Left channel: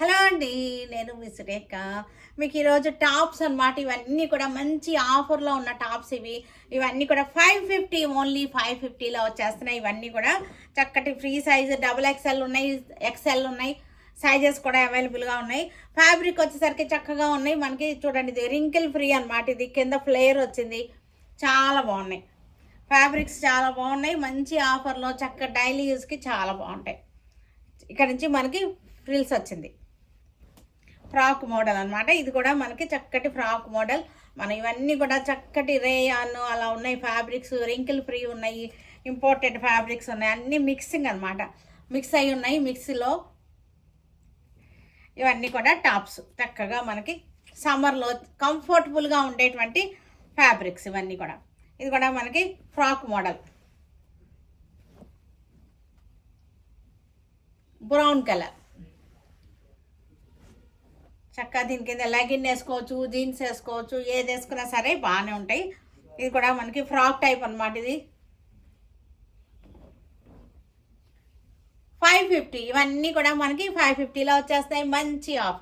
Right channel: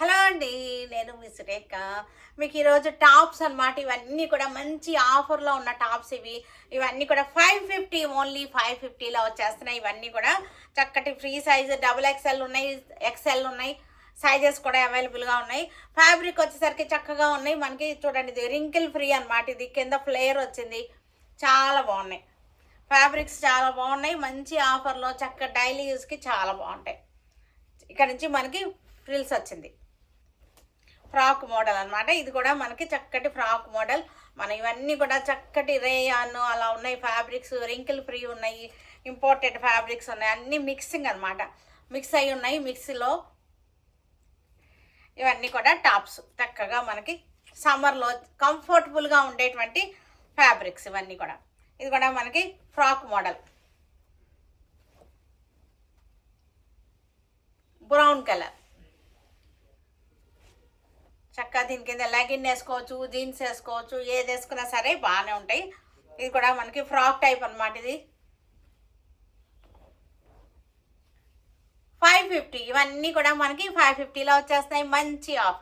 Hello అండి, నేను మీ సురేఖ. మీకు ఈరోజు టాప్స్ అన్నమాట. ఇవన్నీ కూడా మంచి ఆఫర్లో ఉన్న టాప్స్ ఇవన్నీ కూడా 550, ఓన్లీ 550లో వచ్చేస్తున్నాయి. ఇవన్నీ కూడా చక్కటి ఫ్రీ సైజ్ XXL ఉన్నాయి, XL ఉన్నాయి. సైజెస్ కూడా అవైలబుల్గా ఉన్నాయి. ఫ్యాబ్రిక్ వచ్చేసరికి చక్కగా ఉన్నాయి. మనకి చూడండి, ఇది రింకిల్ ఫ్రీ అన్నమాట. ఇది కింద ఫ్లేర్ వచ్చింది, చాలా బాగున్నాయి. ఫ్యాబ్రిక్స్ చాలా బాగున్నాయి. మంచి ఆఫర్లో చక్క డైలీ యూస్కి చాలా బాగుంటాయి. ఇక్కడ నుంచి మనకి ఫ్రిల్స్ వచ్చింది, ఫ్రాక్ మోడల్ అన్నమాట. ఇది కూడా మనకి చక్కటి ఫ్రాక్ మోడల్. మన ఇవన్నీ కూడా చక్కటి రేయాన్ అలా ఉన్నాయి. ఫ్యాబ్రిక్స్ రింకిల్ ఫ్రీ ఉన్నాయి, ఇంపోర్టెడ్ ఫ్యాబ్రిక్స్ ఉన్నాయి. అన్నీ మిక్సింగ్ అన్నమాట, మిక్స్ అయి ఉన్నాయి. మిక్సీలో ఇవన్నీ కూడా టాప్స్ చక్కగా మనకి సమ్మర్లో కంఫర్టబుల్గా ఉండేటువంటి ఫ్యాబ్రిక్స్ ఇవన్నీ కూడా. ఇది కూడా మనకి ఫ్రాక్ మోడల్, బ్రౌన్ కలర్. చక్కగా దీని కింద లెగిన్ వేసుకోవచ్చు, జీన్స్ వేసుకోవచ్చు, ఏది వేసుకున్నా సరే బాగానే ఉంటాయి. ఇది కూడా మనకి ఫ్రాక్ టైప్ అన్నమాట. ఇది 550. ఇవన్నీ కూడా మనకి 550లో వచ్చేస్తాయి. మంచి ఆఫర్.